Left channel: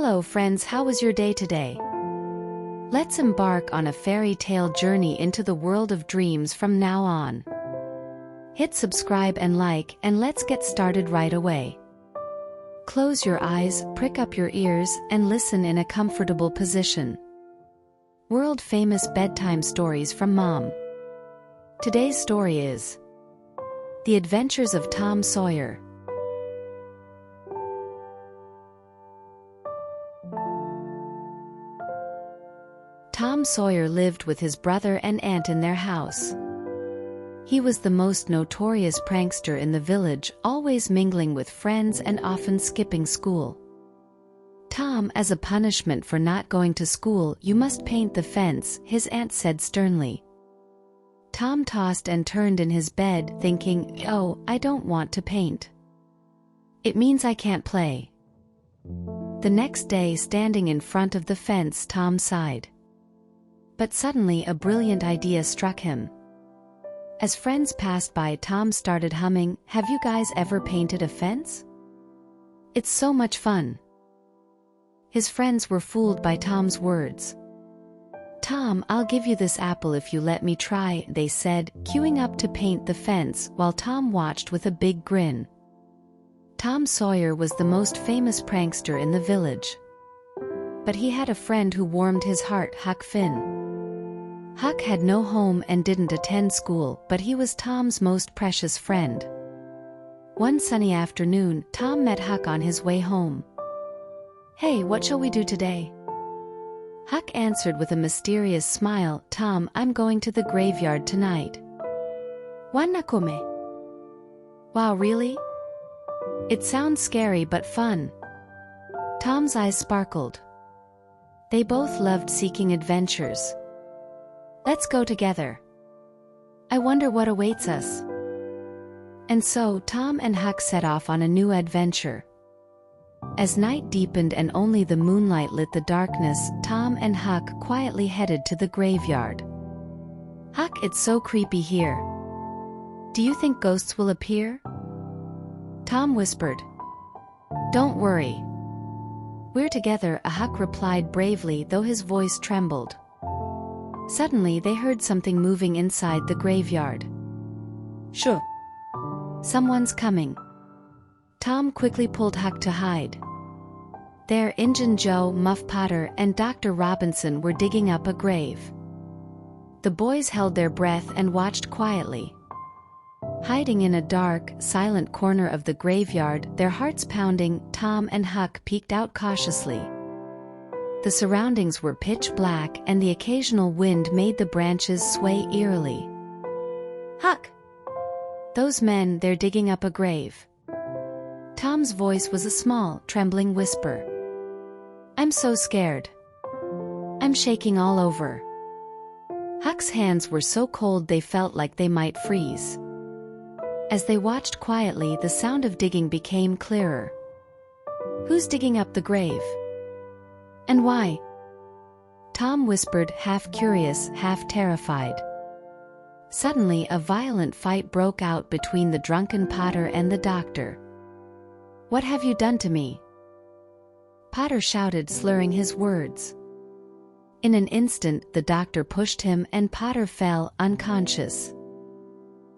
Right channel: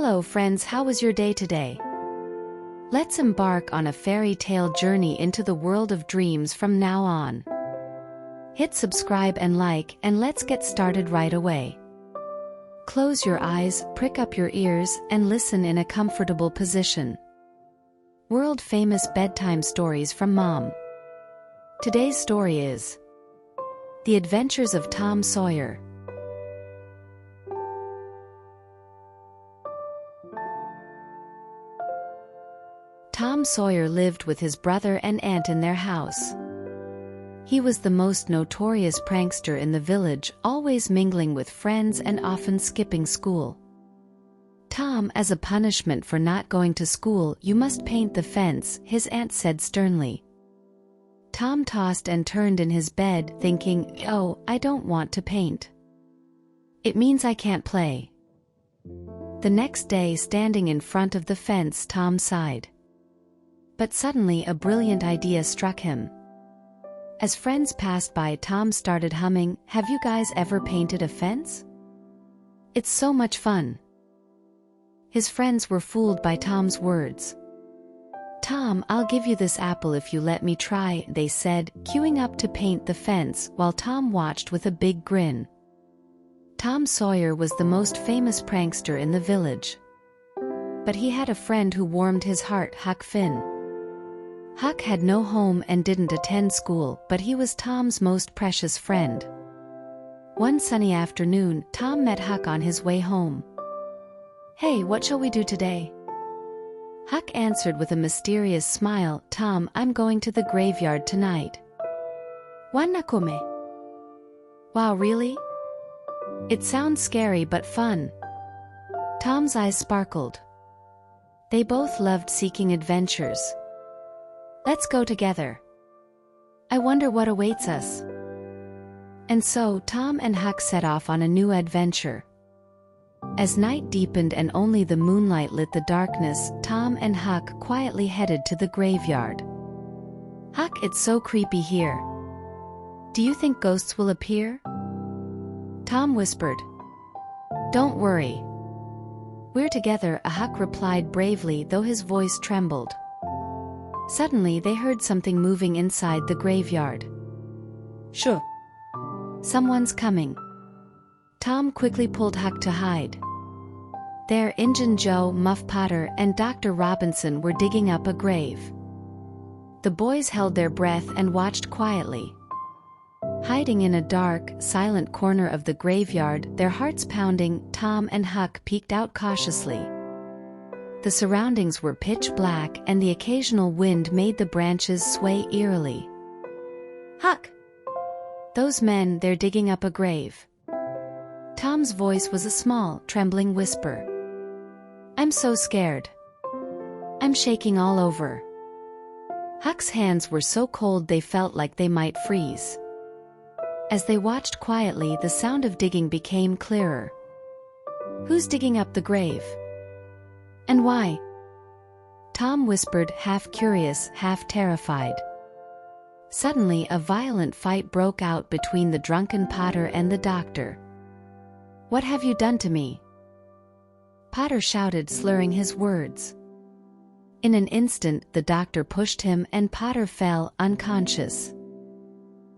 Hello friends, how was your day today? Let's embark on a fairy tale journey into the world of dreams from now on. Hit subscribe and like, and let's get started right away. Close your eyes, prick up your ears, and listen in a comfortable position. World-famous bedtime stories from Mom. Today's story is The Adventures of Tom Sawyer. Tom Sawyer lived with his brother and aunt in their house. He was the most notorious prankster in the village, always mingling with friends and often skipping school. "Tom, as a punishment for not going to school, you must paint the fence," his aunt said sternly. Tom tossed and turned in his bed, thinking, "Oh, I don't want to paint. It means I can't play." The next day, standing in front of the fence, Tom sighed. But suddenly a brilliant idea struck him. As friends passed by, Tom started humming, "Have you guys ever painted a fence? It's so much fun." His friends were fooled by Tom's words. "Tom, I'll give you this apple if you let me try," they said, queuing up to paint the fence, while Tom watched with a big grin. Tom Sawyer was the most famous prankster in the village. But he had a friend who warmed his heart, Huck Finn. Huck had no home and didn't attend school, but he was Tom's most precious friend. One sunny afternoon, Tom met Huck on his way home. "Hey, what shall we do today?" Huck answered with a mysterious smile, "Tom, I'm going to the graveyard tonight." "Wanna come?" "Wow, really? It sounds scary but fun." Tom's eyes sparkled. They both loved seeking adventures. "Let's go together. I wonder what awaits us." And so Tom and Huck set off on a new adventure. As night deepened and only the moonlight lit the darkness, Tom and Huck quietly headed to the graveyard. "Huck, it's so creepy here. Do you think ghosts will appear?" Tom whispered. "Don't worry. We're together," Huck replied bravely, though his voice trembled. Suddenly they heard something moving inside the graveyard. "Shoo! Someone's coming." Tom quickly pulled Huck to hide. There, Injun Joe, Muff Potter, and Dr. Robinson were digging up a grave. The boys held their breath and watched quietly. Hiding in a dark, silent corner of the graveyard, their hearts pounding, Tom and Huck peeked out cautiously. The surroundings were pitch black, and the occasional wind made the branches sway eerily. "Huck! Those men, they're digging up a grave." Tom's voice was a small, trembling whisper. "I'm so scared. I'm shaking all over." Huck's hands were so cold they felt like they might freeze. As they watched quietly, the sound of digging became clearer. "Who's digging up the grave? And why?" Tom whispered, half curious, half terrified. Suddenly a violent fight broke out between the drunken Potter and the doctor. "What have you done to me?" Potter shouted, slurring his words. In an instant the doctor pushed him and Potter fell, unconscious.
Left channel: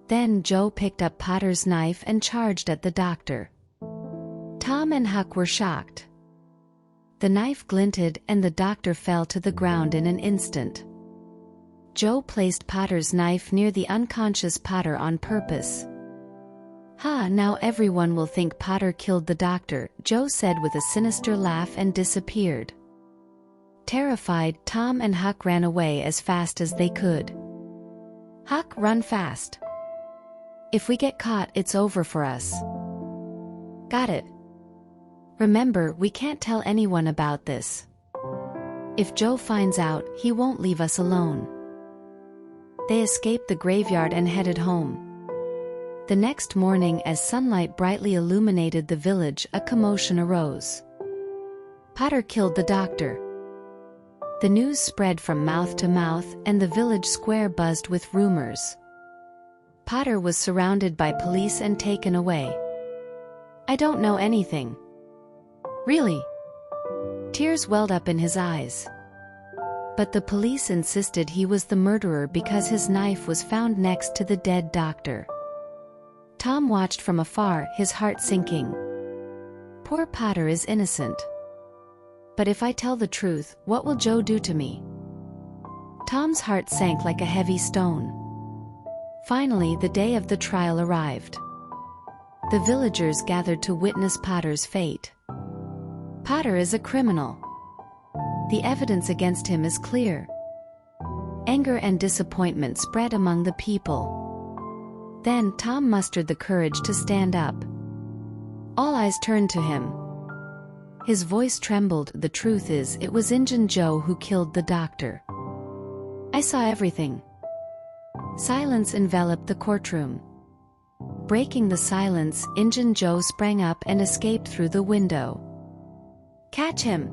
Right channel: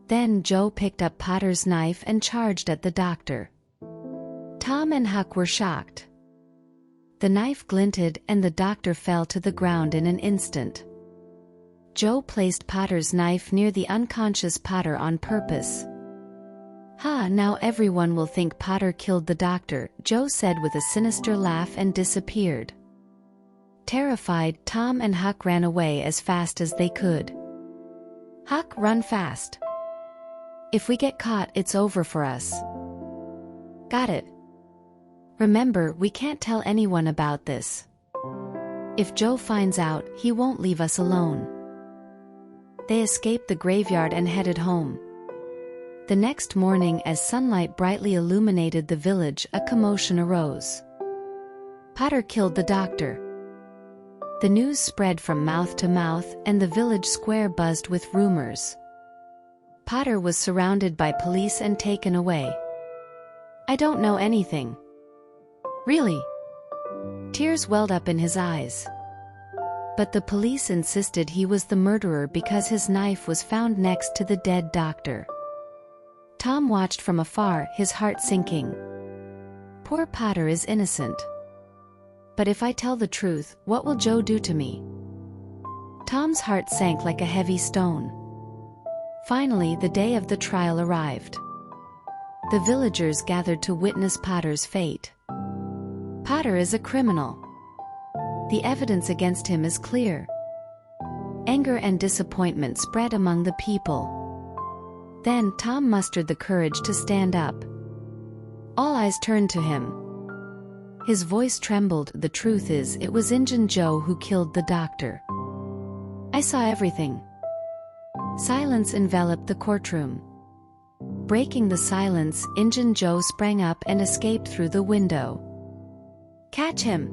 Then Joe picked up Potter's knife and charged at the doctor. Tom and Huck were shocked. The knife glinted and the doctor fell to the ground in an instant. Joe placed Potter's knife near the unconscious Potter on purpose. "Ha, now everyone will think Potter killed the doctor," Joe said with a sinister laugh and disappeared. Terrified, Tom and Huck ran away as fast as they could. "Huck, run fast. If we get caught, it's over for us." "Got it. Remember, we can't tell anyone about this. If Joe finds out, he won't leave us alone." They escaped the graveyard and headed home. The next morning, as sunlight brightly illuminated the village, a commotion arose. "Potter killed the doctor." The news spread from mouth to mouth, and the village square buzzed with rumors. Potter was surrounded by police and taken away. "I don't know anything." "Really?" Tears welled up in his eyes. But the police insisted he was the murderer because his knife was found next to the dead doctor. Tom watched from afar, his heart sinking. Poor Potter is innocent. But if I tell the truth, what will Joe do to me? Tom's heart sank like a heavy stone. Finally, the day of the trial arrived. The villagers gathered to witness Potter's fate. Potter is a criminal. The evidence against him is clear. Anger and disappointment spread among the people. Then Tom mustered the courage to stand up. All eyes turned to him. His voice trembled. The truth is, it was Injun Joe who killed the doctor. I saw everything. Silence enveloped the courtroom. Breaking the silence, Injun Joe sprang up and escaped through the window. Catch him!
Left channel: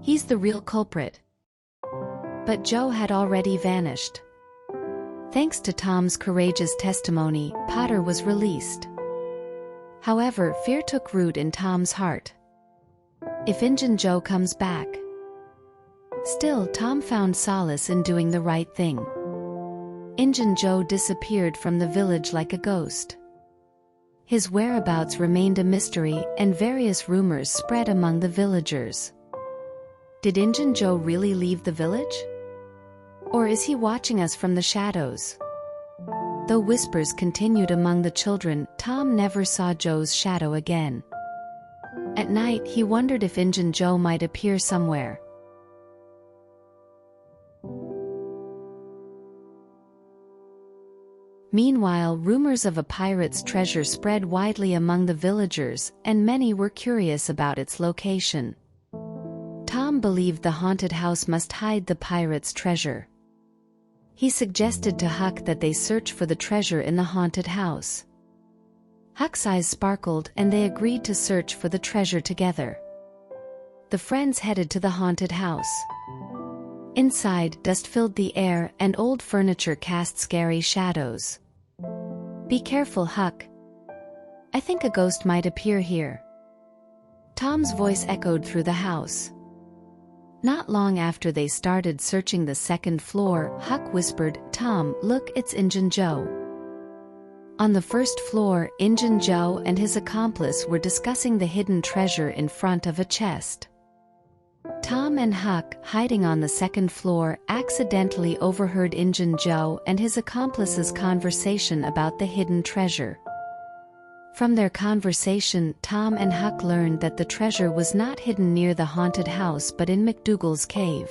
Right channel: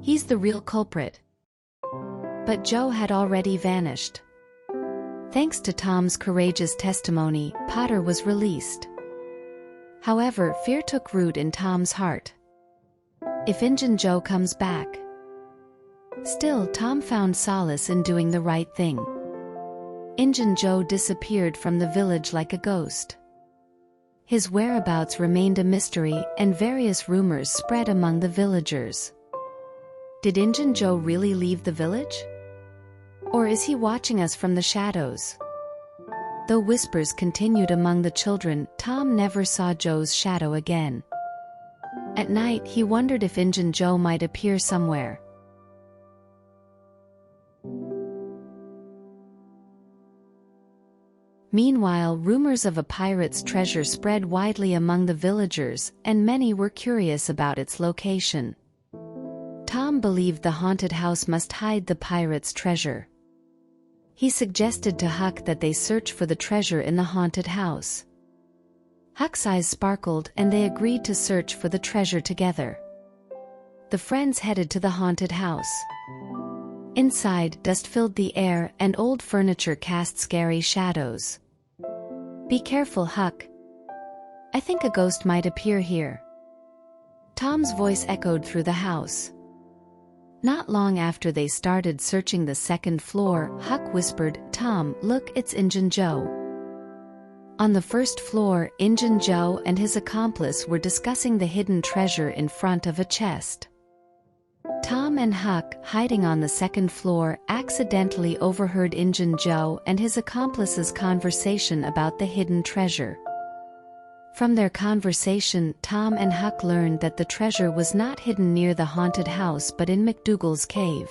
He's the real culprit. But Joe had already vanished. Thanks to Tom's courageous testimony, Potter was released. However, fear took root in Tom's heart. If Injun Joe comes back. Still, Tom found solace in doing the right thing. Injun Joe disappeared from the village like a ghost. His whereabouts remained a mystery, and various rumors spread among the villagers. Did Injun Joe really leave the village? Or is he watching us from the shadows? Though whispers continued among the children, Tom never saw Joe's shadow again. At night, he wondered if Injun Joe might appear somewhere. Meanwhile, rumors of a pirate's treasure spread widely among the villagers, and many were curious about its location. Tom believed the haunted house must hide the pirate's treasure. He suggested to Huck that they search for the treasure in the haunted house. Huck's eyes sparkled, and they agreed to search for the treasure together. The friends headed to the haunted house. Inside, dust filled the air, and old furniture cast scary shadows. Be careful, Huck. I think a ghost might appear here. Tom's voice echoed through the house. Not long after they started searching the second floor, Huck whispered, Tom, look, it's Injun Joe. On the first floor, Injun Joe and his accomplice were discussing the hidden treasure in front of a chest. Tom and Huck, hiding on the second floor, accidentally overheard Injun Joe and his accomplice's conversation about the hidden treasure. From their conversation, Tom and Huck learned that the treasure was not hidden near the haunted house but in McDougal's cave.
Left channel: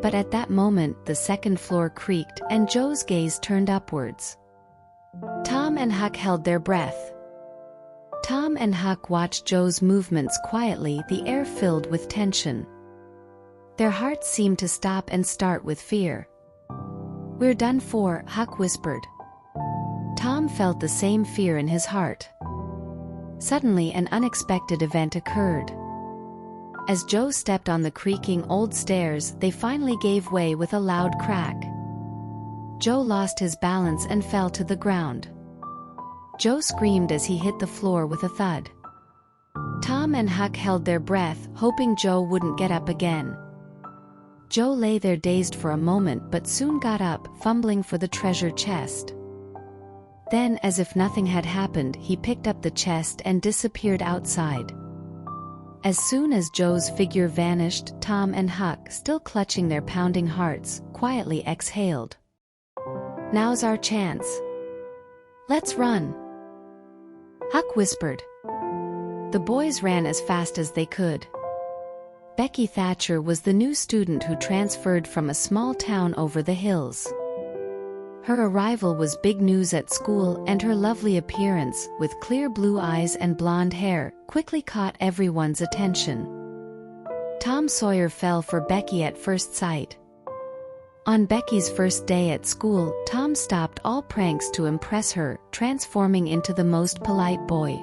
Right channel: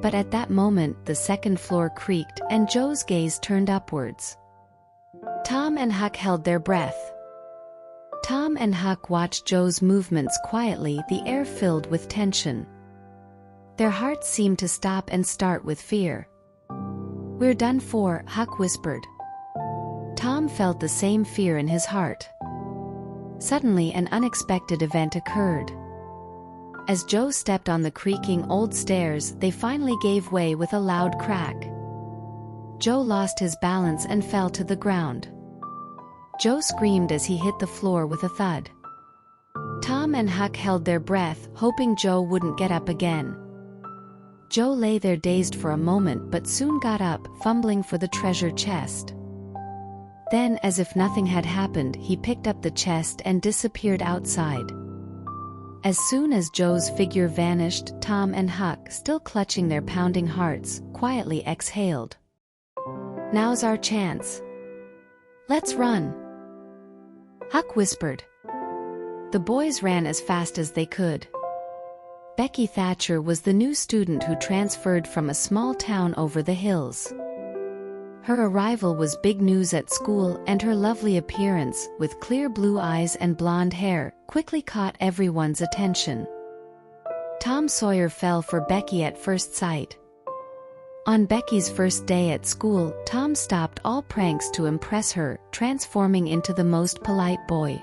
But at that moment, the second floor creaked, and Joe's gaze turned upwards. Tom and Huck held their breath. Tom and Huck watched Joe's movements quietly, the air filled with tension. Their hearts seemed to stop and start with fear. We're done for, Huck whispered. Tom felt the same fear in his heart. Suddenly, an unexpected event occurred. As Joe stepped on the creaking old stairs, they finally gave way with a loud crack. Joe lost his balance and fell to the ground. Joe screamed as he hit the floor with a thud. Tom and Huck held their breath, hoping Joe wouldn't get up again. Joe lay there dazed for a moment but soon got up, fumbling for the treasure chest. Then, as if nothing had happened, he picked up the chest and disappeared outside. As soon as Joe's figure vanished, Tom and Huck, still clutching their pounding hearts, quietly exhaled. Now's our chance. Let's run. Huck whispered. The boys ran as fast as they could. Becky Thatcher was the new student who transferred from a small town over the hills. Her arrival was big news at school, and her lovely appearance, with clear blue eyes and blonde hair, quickly caught everyone's attention. Tom Sawyer fell for Becky at first sight. On Becky's first day at school, Tom stopped all pranks to impress her, transforming into the most polite boy.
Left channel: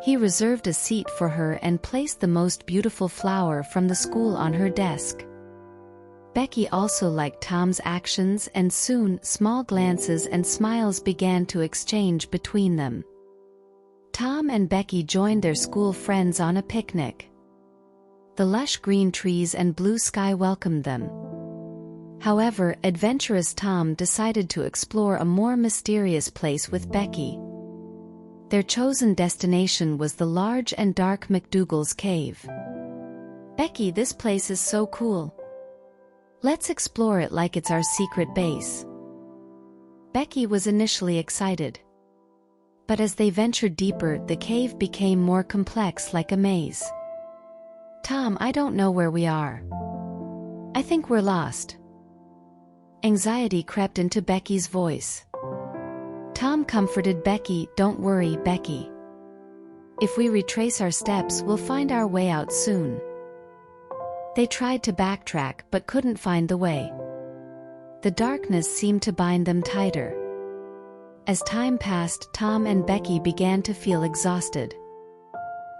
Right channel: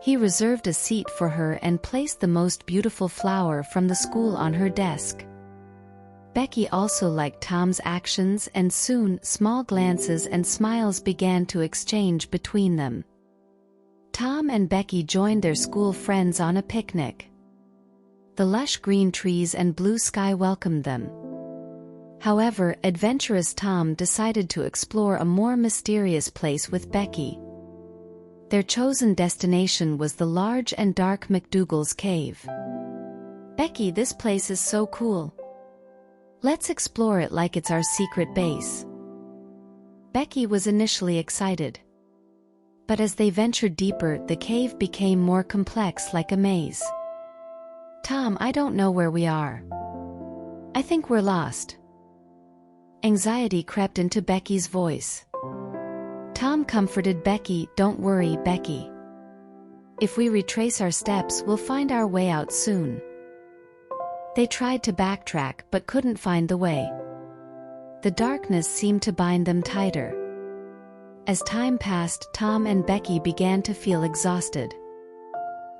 He reserved a seat for her and placed the most beautiful flower from the school on her desk. Becky also liked Tom's actions, and soon, small glances and smiles began to exchange between them. Tom and Becky joined their school friends on a picnic. The lush green trees and blue sky welcomed them. However, adventurous Tom decided to explore a more mysterious place with Becky. Their chosen destination was the large and dark McDougal's cave. "Becky, this place is so cool. Let's explore it like it's our secret base." Becky was initially excited. But as they ventured deeper, the cave became more complex, like a maze. "Tom, I don't know where we are. I think we're lost." Anxiety crept into Becky's voice. Tom comforted Becky, "Don't worry, Becky. If we retrace our steps, we'll find our way out soon." They tried to backtrack but couldn't find the way. The darkness seemed to bind them tighter. As time passed, Tom and Becky began to feel exhausted.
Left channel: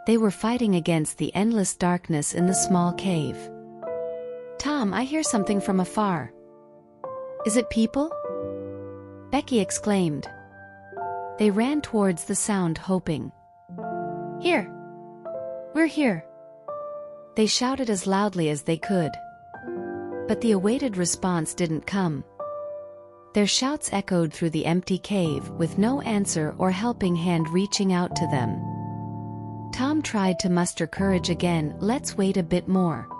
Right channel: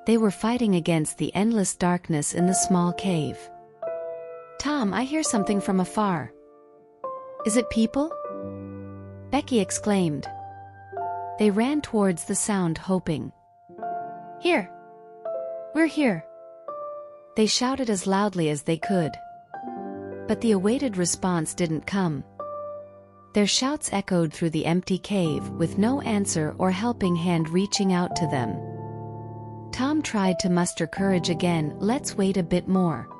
They were fighting against the endless darkness in the small cave. "Tom, I hear something from afar." "Is it people?" Becky exclaimed. They ran towards the sound, hoping. "Here! We're here!" They shouted as loudly as they could. But the awaited response didn't come. Their shouts echoed through the empty cave, with no answer or helping hand reaching out to them. Tom tried to muster courage again. "Let's wait a bit more.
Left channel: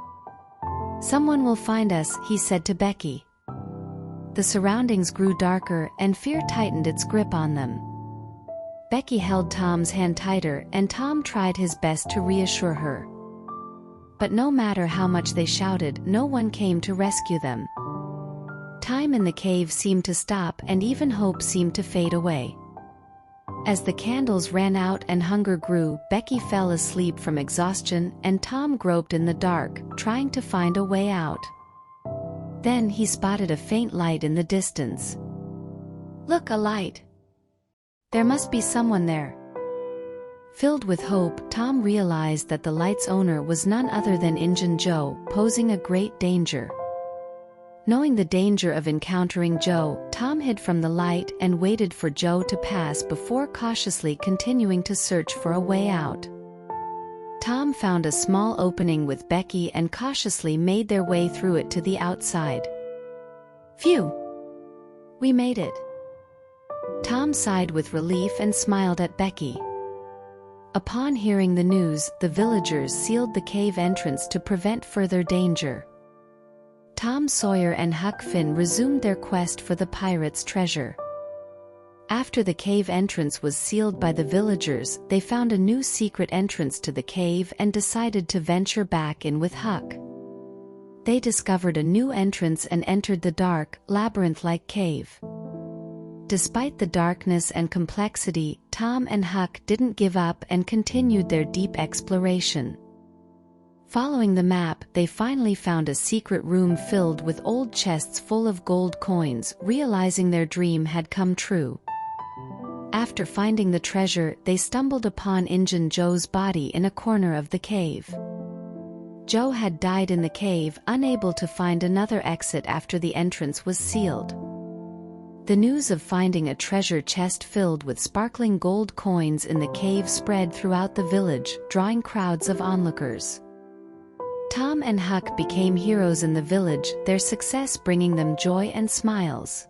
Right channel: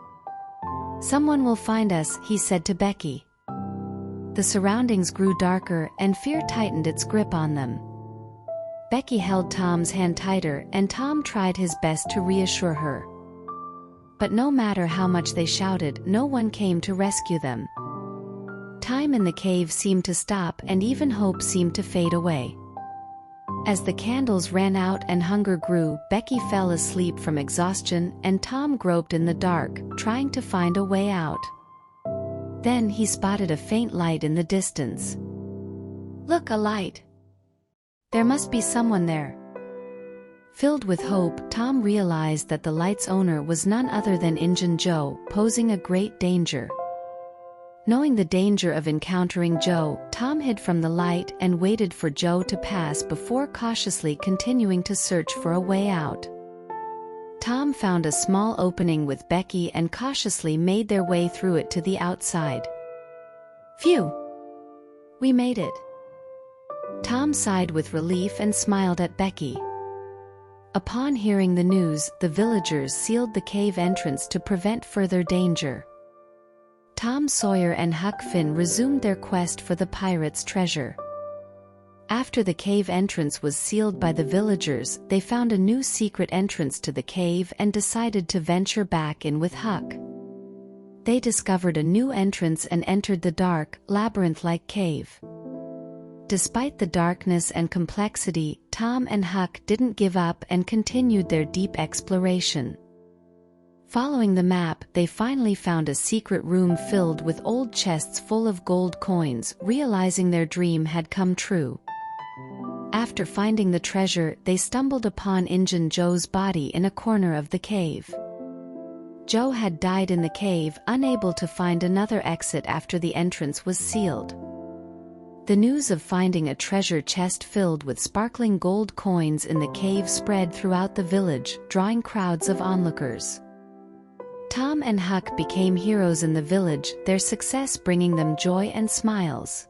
Someone will find us," he said to Becky. The surroundings grew darker, and fear tightened its grip on them. Becky held Tom's hand tighter, and Tom tried his best to reassure her. But no matter how much they shouted, no one came to rescue them. Time in the cave seemed to stop, and even hope seemed to fade away. As the candles ran out and hunger grew, Becky fell asleep from exhaustion, and Tom groped in the dark, trying to find a way out. Then he spotted a faint light in the distance. "Look, a light! There must be someone there." Filled with hope, Tom realized that the light's owner was none other than Injun Joe, posing a great danger. Knowing the danger of encountering Joe, Tom hid from the light and waited for Joe to pass before cautiously continuing to search for a way out. Tom found a small opening with Becky and cautiously made their way through it to the outside. "Phew! We made it." Tom sighed with relief and smiled at Becky. Upon hearing the news, the villagers sealed the cave entrance to prevent further danger. Tom Sawyer and Huck Finn resumed their quest for the pirates' treasure. After the cave entrance was sealed by the villagers, they found a new secret entrance to the cave and decided to venture back in with Huck. They discovered a new entrance and entered the dark, labyrinth-like cave. Despite the darkness and complexity, Tom and Huck didn't give up and continued their deep exploration. Following the map, they finally found a secret room filled with old chests full of gold coins, realizing their dream had come true. After finding the treasure, they stumbled upon Injun Joe's body in a corner of the cave. Joe had died in the cave, unable to find another exit after the entrance was sealed. The news of finding a treasure chest filled with sparkling gold coins in the cave spread throughout the village, drawing crowds of onlookers. Tom and Huck became heroes in the village, their success bringing them joy and smiles.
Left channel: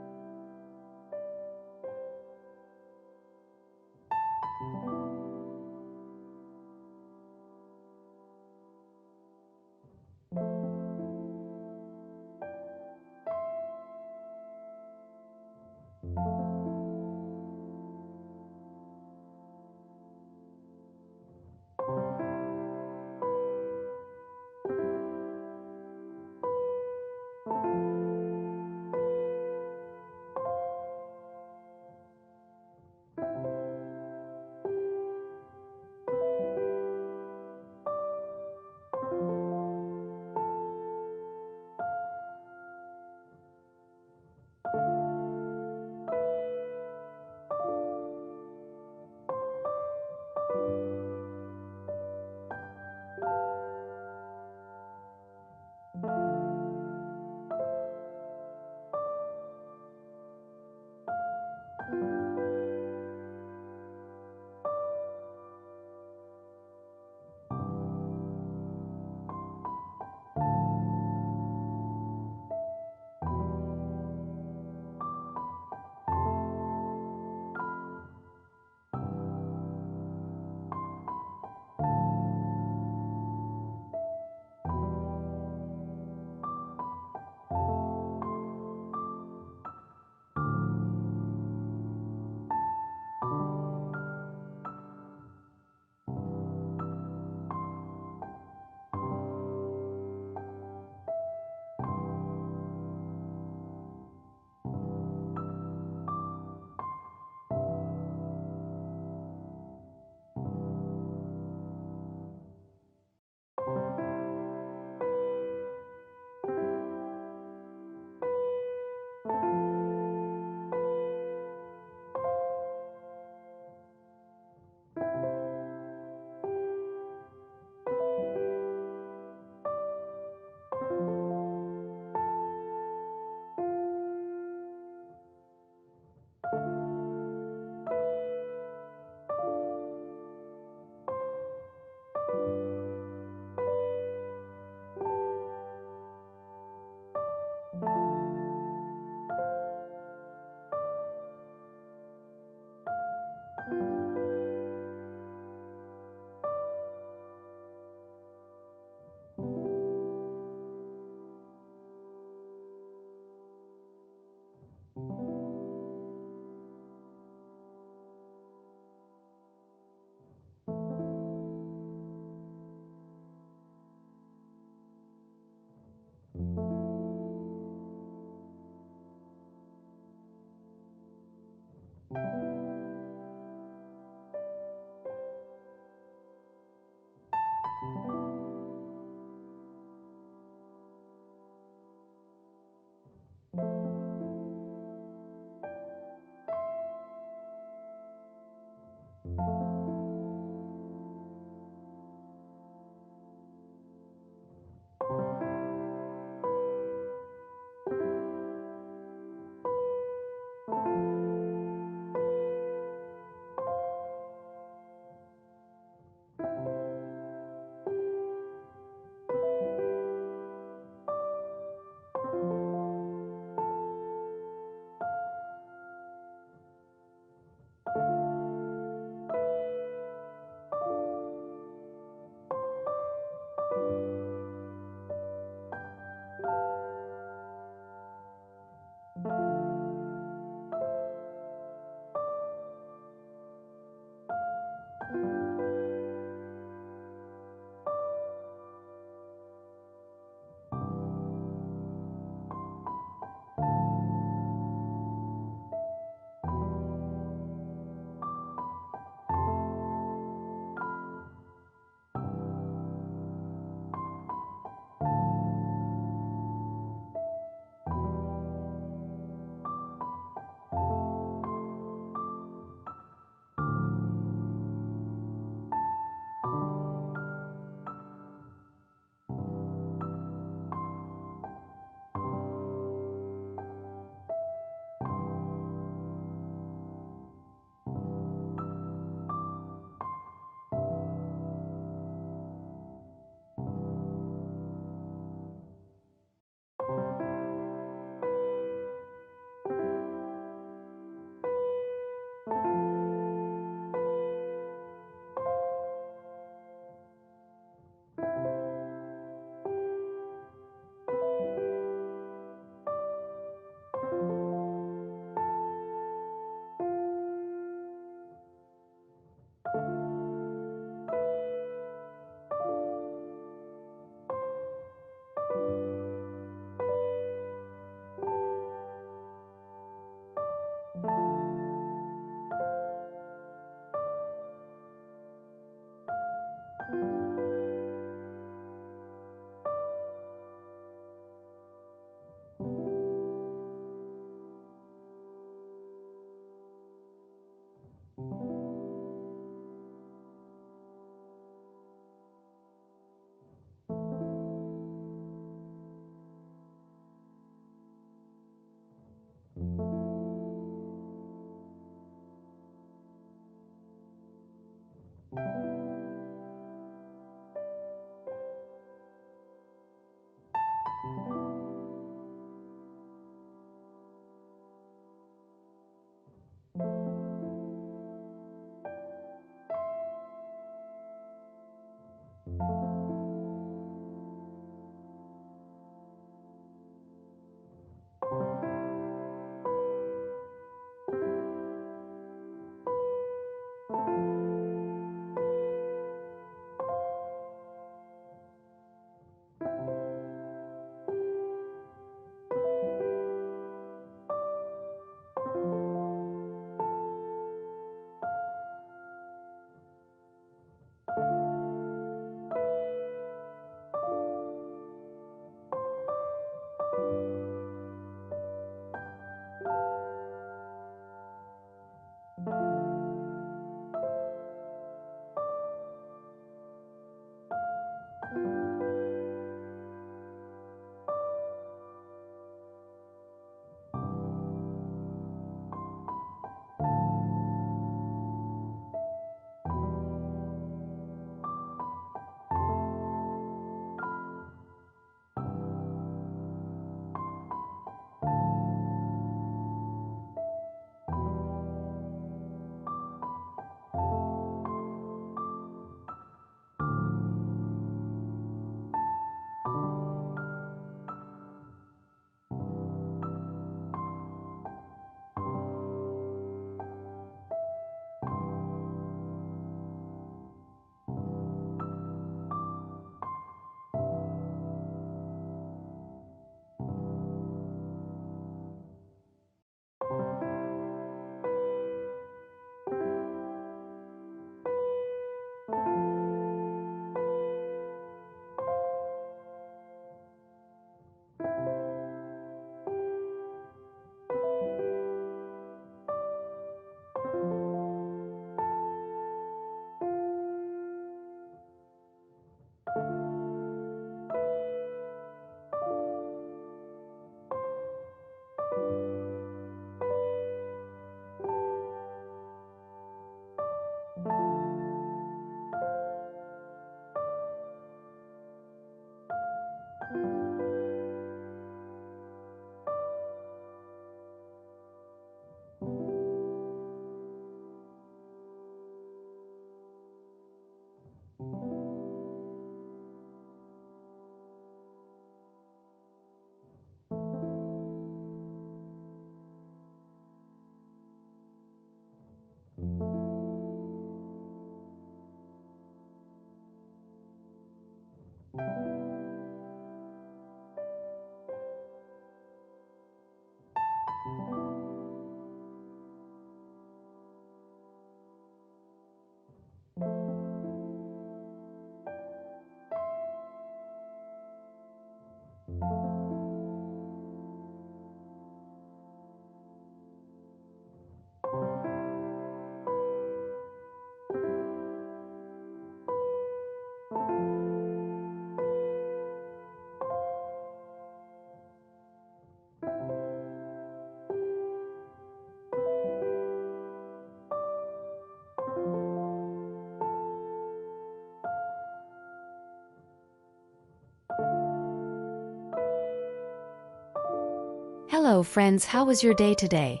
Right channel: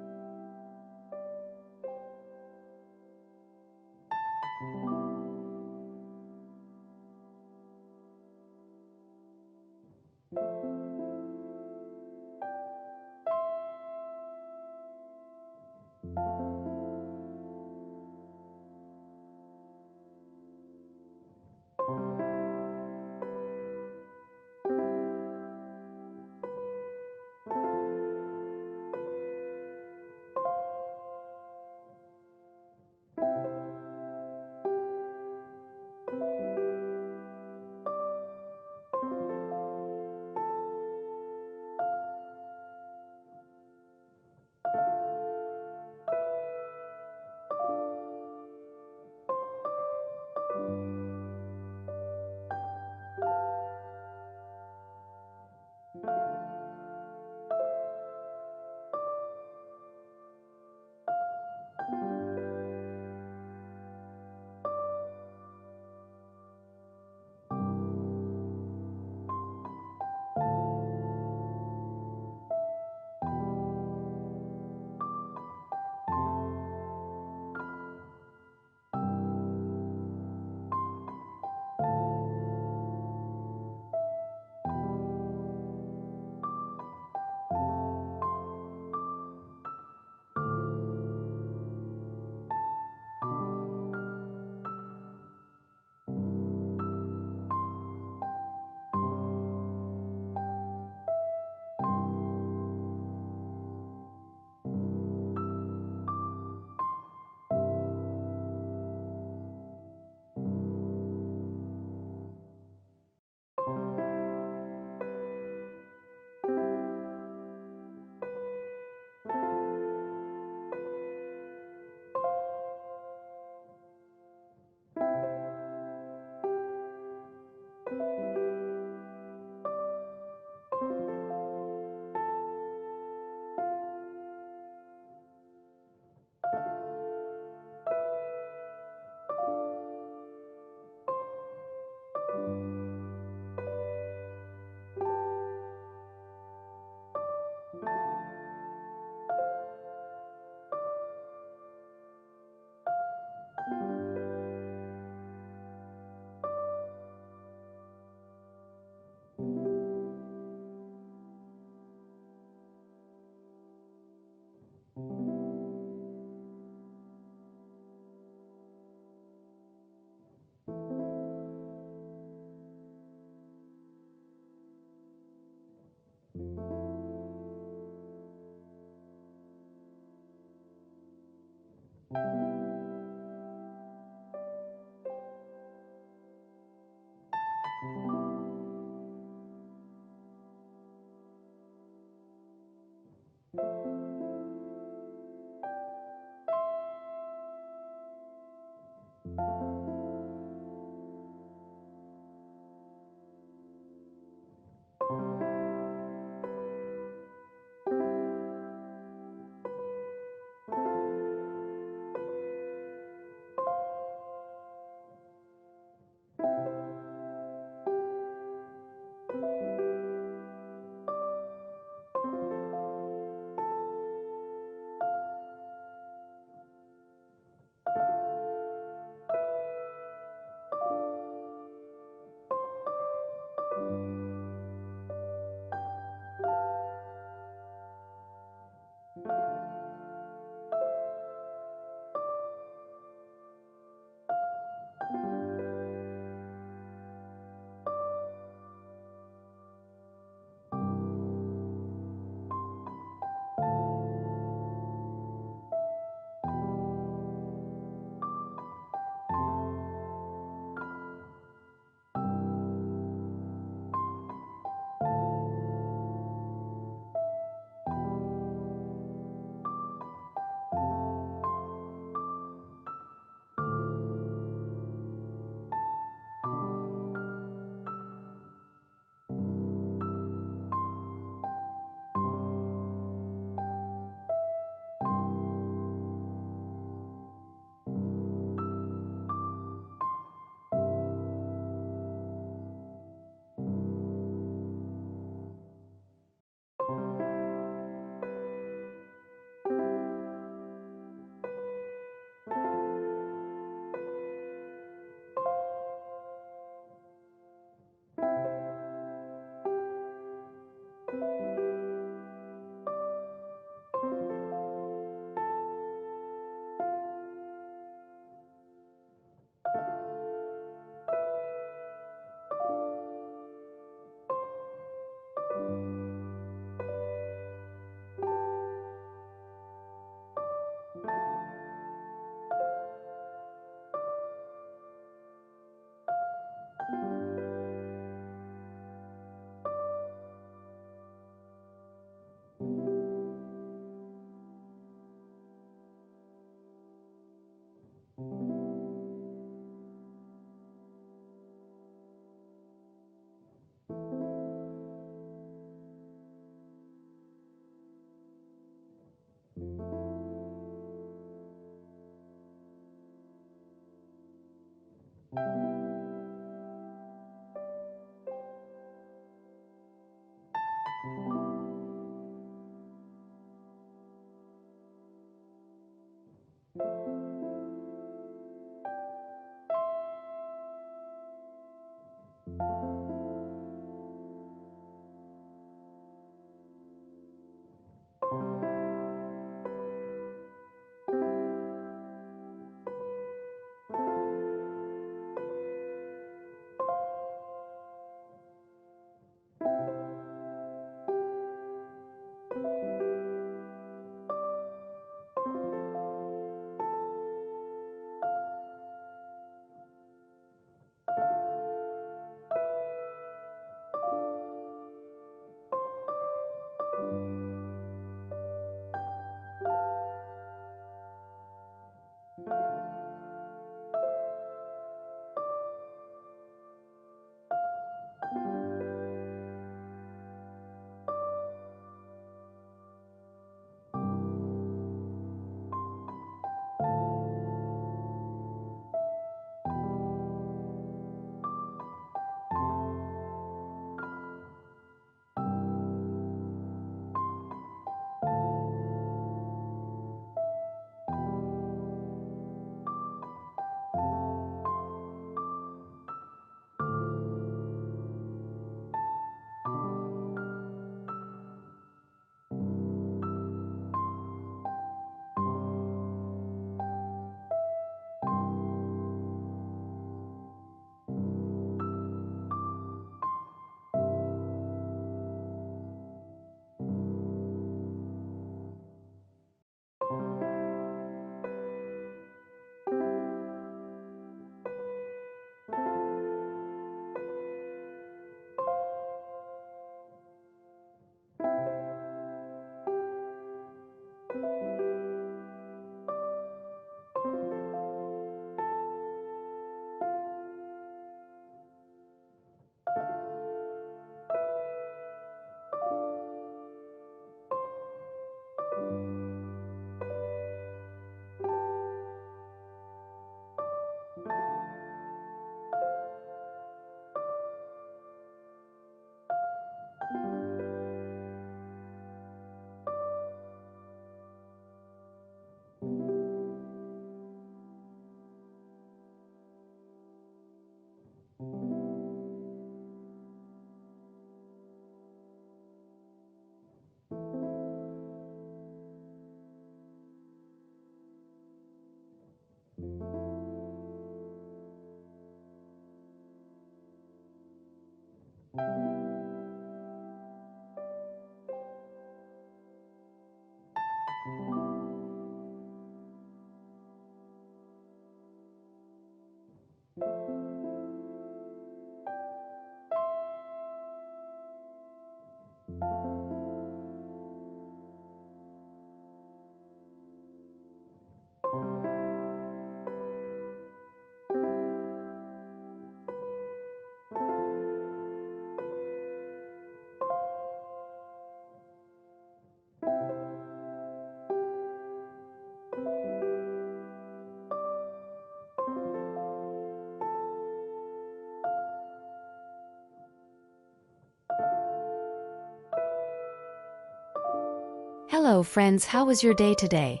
Hello friends, how was your day today?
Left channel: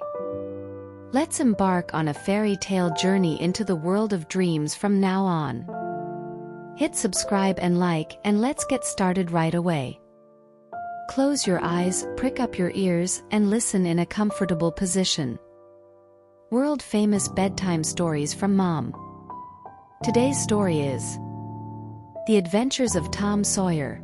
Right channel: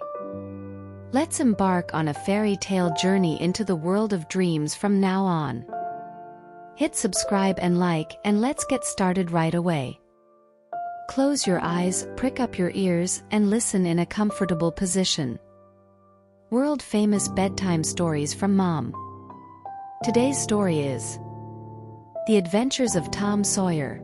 Let's embark on a fairy tale journey into the world of dreams from now on. Hit subscribe and like, and let's get started right away. Close your eyes, prick up your ears, and listen in a comfortable position. World-famous bedtime stories from Mom. Today's story is The Adventures of Tom Sawyer.